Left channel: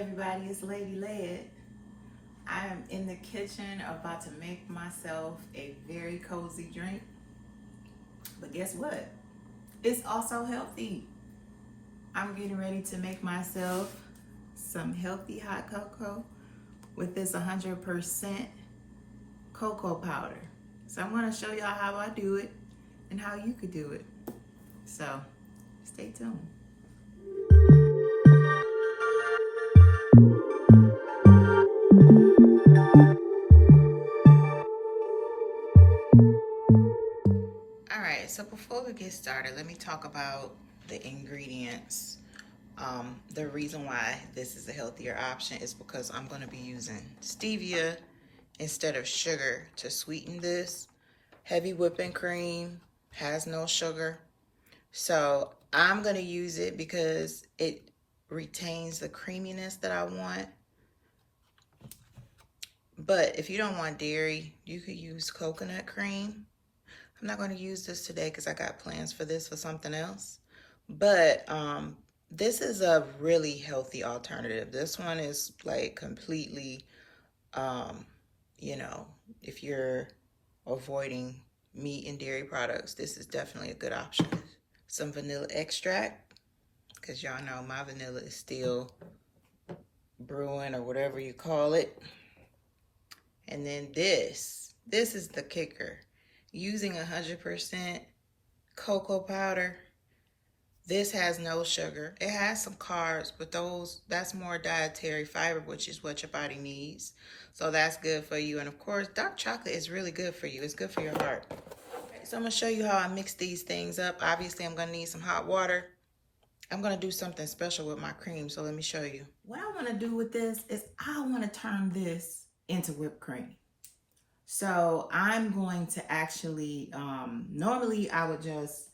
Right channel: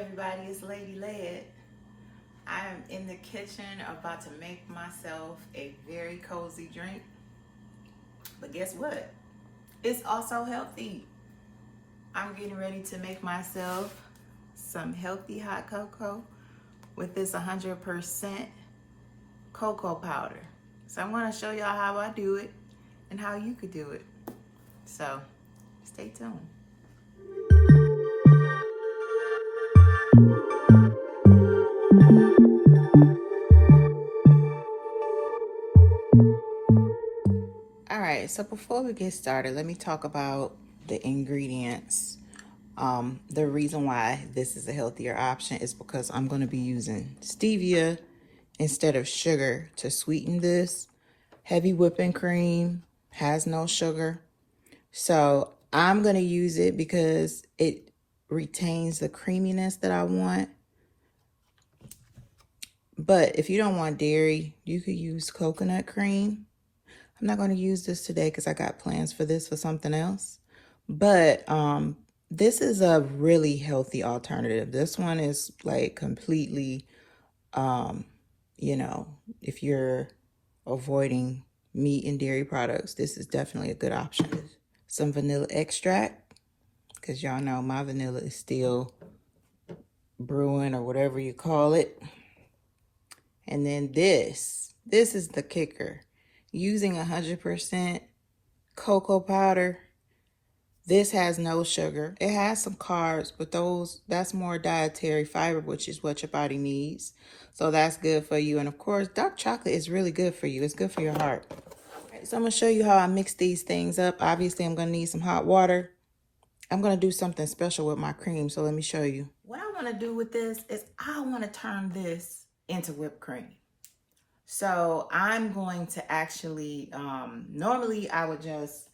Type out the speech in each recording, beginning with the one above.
everybody, it's Lady Led. I am in the kitchen about to make myself a very cozy drink. But guess what? It's also healthy. I'm getting ready to make myself some healthy hot cocoa with this 100% cocoa powder. So I'm going to show y'all how I do it and how you could do it. So stay tuned. All right, so before we get started, let me talk about the ingredients. The reason why this is a healthier option is because I'm going to be using stevia instead of sugar to sweeten this. Heavy whipping cream has no sugar. So I'm going to use it because it retains the creaminess that I want. But if you don't want dairy, you could use coconut cream. I'm not going to use this today because I got plans for this for something else. But this is a really healthy alternative. This one is like completely, you know, if you're avoiding meat and dairy products, this is definitely a good option. Some vanilla extract, because y'all know my vanilla is still brewing or whatever you call it. And then this is the kicker. Using 100% cocoa powder, this has no sugar. It has some carbs, but that's more dietary fiber, which is what your body needs. So that's good for you. And of course, dark chocolate is really good for you. It's good for your heart. So I'm gonna show you how I mix these things up. Obviously, I'm gonna need some hot water. I'm gonna do something special with my cream, so let me show you. What I wanna do with this is I wanna turn this into whipped cream. So I'm going to actually, normally I would just,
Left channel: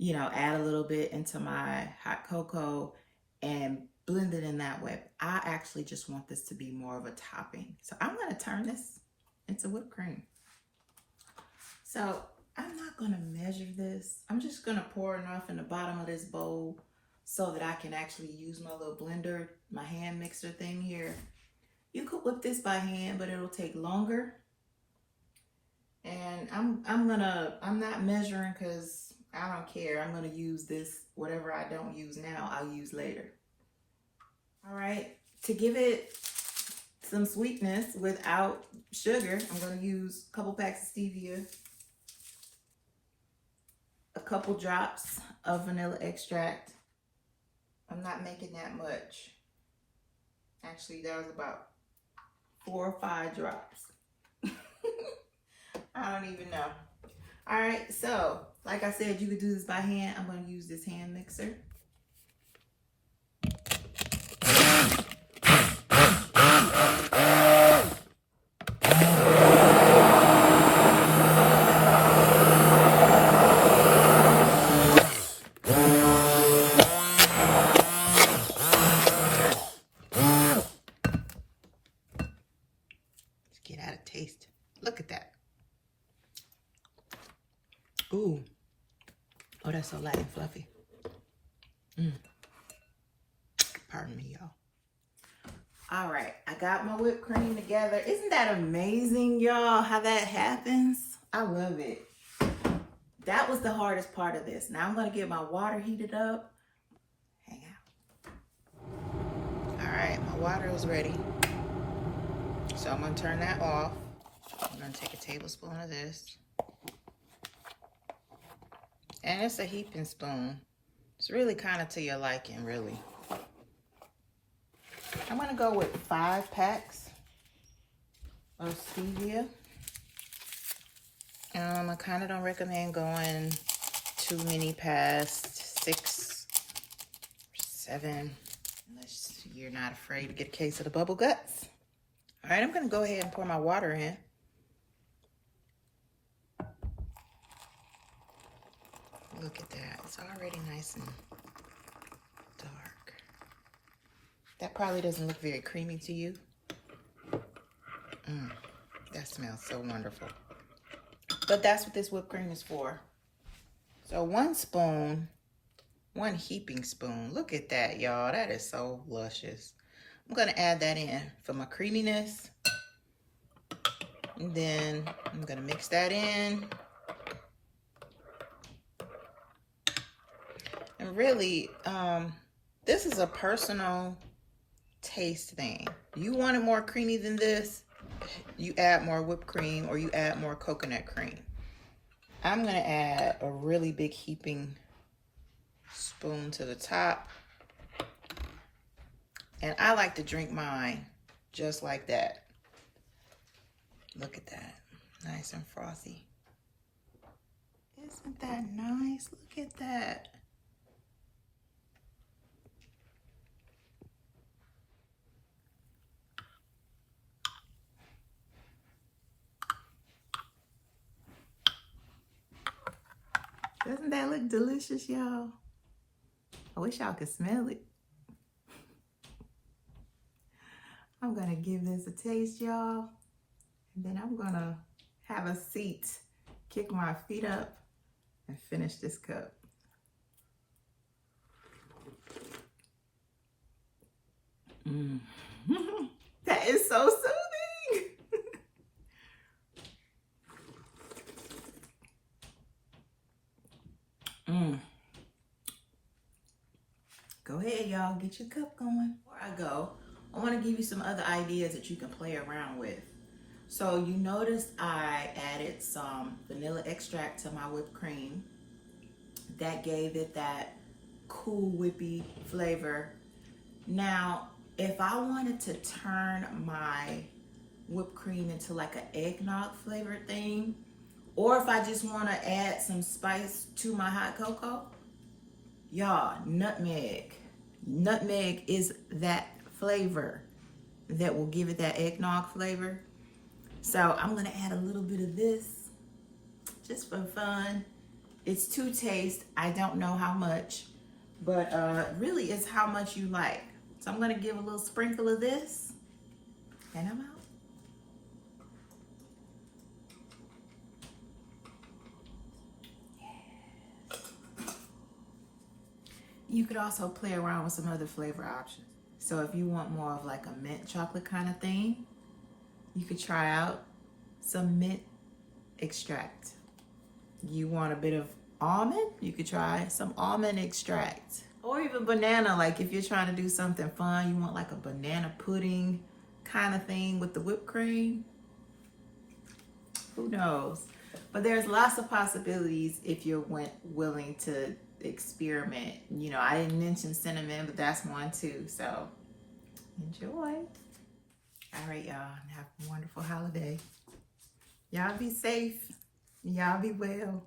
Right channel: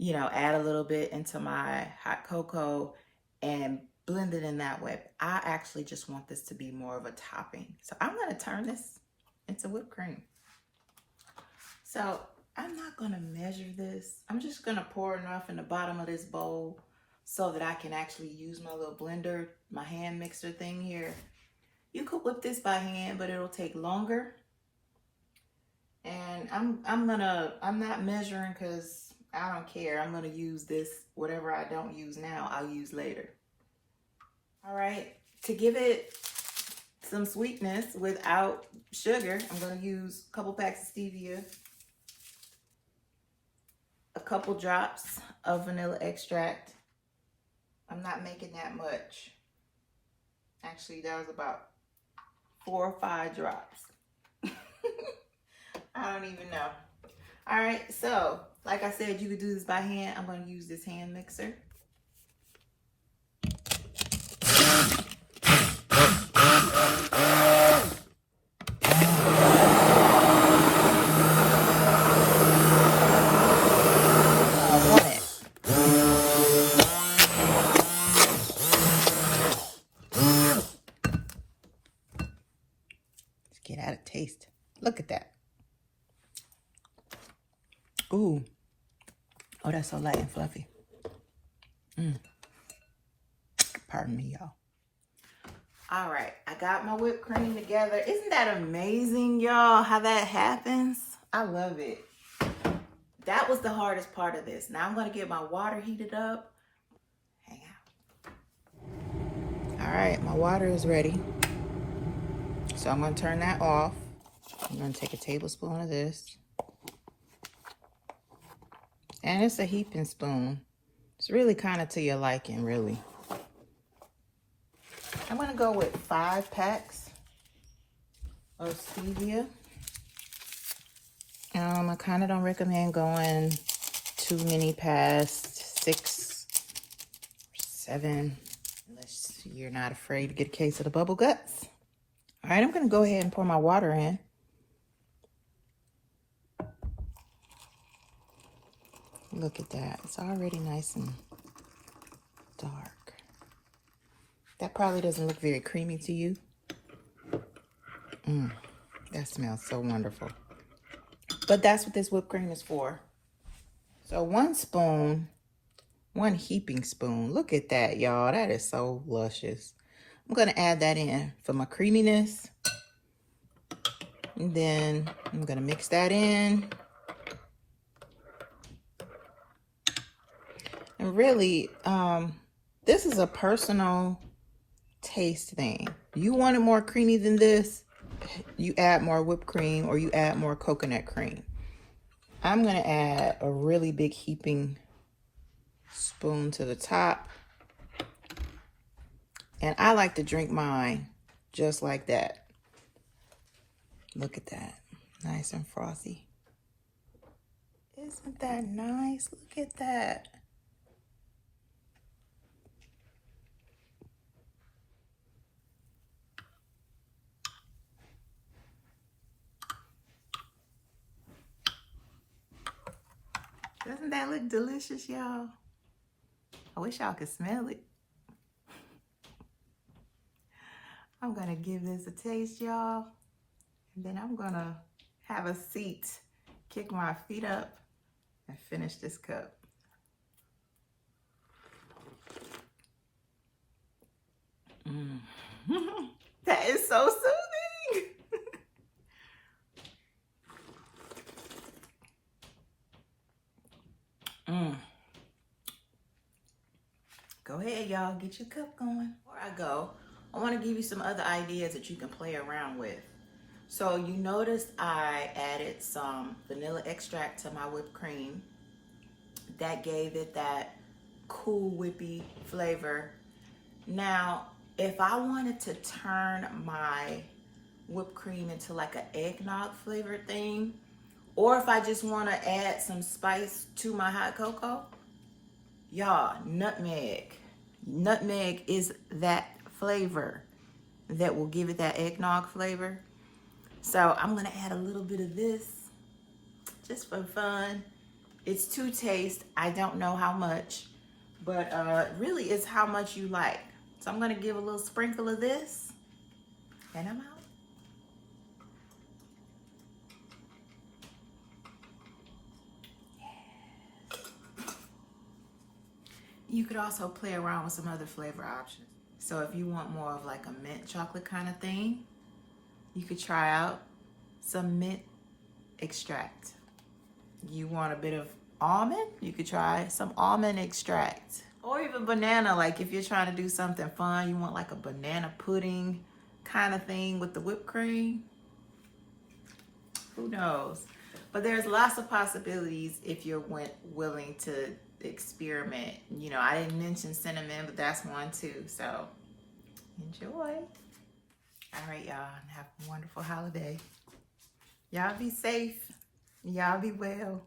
add a little bit into my hot cocoa and blend it in that way. I actually just want this to be more of a topping. So I'm going to turn this into whipped cream. So I'm not going to measure this. I'm just going to pour enough in the bottom of this bowl so that I can actually use my little blender, my hand mixer thing here. You could whip this by hand, but it'll take longer. And I'm not measuring because I don't care. I'm gonna use this, whatever I don't use now, I'll use later. All right, to give it some sweetness without sugar, I'm gonna use a couple packs of stevia, a couple drops of vanilla extract. I'm not making that much. Actually, that was about 4 or 5 drops. I don't even know. All right, so like I said, you could do this by hand. I'm going to use this hand mixer. Let's get out a taste. Look at that. Ooh. Oh, that's so light and fluffy. Pardon me, y'all. All right, I got my whipped cream together. Isn't that amazing, y'all, how that happens? I love it. That was the hardest part of this. Now I'm going to get my water heated up. Hang out. All right, my water is ready. So I'm going to turn that off. I'm going to take a tablespoon of this. And it's a heaping spoon. It's really kind of to your liking, really. I'm going to go with 5 packs of stevia. I kind of don't recommend going too many past 6, 7, unless you're not afraid to get a case of the bubble guts. All right, I'm going to go ahead and pour my water in. Look at that. It's already nice and dark. That probably doesn't look very creamy to you. That smells so wonderful. But that's what this whipped cream is for. So 1 spoon, 1 heaping spoon. Look at that, y'all. That is so luscious. I'm gonna add that in for my creaminess. And then I'm gonna mix that in. And really, this is a personal taste thing. You want it more creamy than this, you add more whipped cream or you add more coconut cream. I'm gonna add a really big heaping spoon to the top. And I like to drink mine just like that. Look at that, nice and frothy. Isn't that nice? Look at that. Doesn't that look delicious, y'all? I wish y'all could smell it. I'm gonna give this a taste, y'all. And then I'm gonna have a seat, kick my feet up, and finish this cup. That is so soothing. Go ahead, y'all, get your cup going. Before I go, I want to give you some other ideas that you can play around with. So you notice I added some vanilla extract to my whipped cream. That gave it that cool whippy flavor. Now, if I wanted to turn my whipped cream into like an eggnog flavored thing, or if I just want to add some spice to my hot cocoa, y'all, nutmeg. Nutmeg is that flavor that will give it that eggnog flavor. So I'm gonna add a little bit of this just for fun. It's to taste. I don't know how much, but really it's how much you like. So I'm gonna give a little sprinkle of this and I'm out. You could also play around with some other flavor options. So if you want more of like a mint chocolate kind of thing, you could try out some mint extract. You want a bit of almond, you could try some almond extract. Or even banana, like if you're trying to do something fun, you want like a banana pudding kind of thing with the whipped cream. Who knows? But there's lots of possibilities if you're willing to experiment. You know, I didn't mention cinnamon, but that's one too. So enjoy. All right, y'all. Have a wonderful holiday. Y'all be safe. Y'all be well.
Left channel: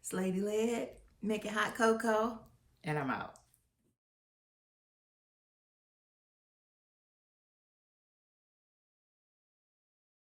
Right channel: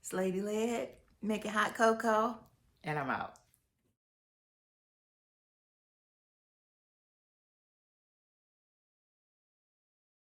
It's Lady Led, making hot cocoa, and I'm out.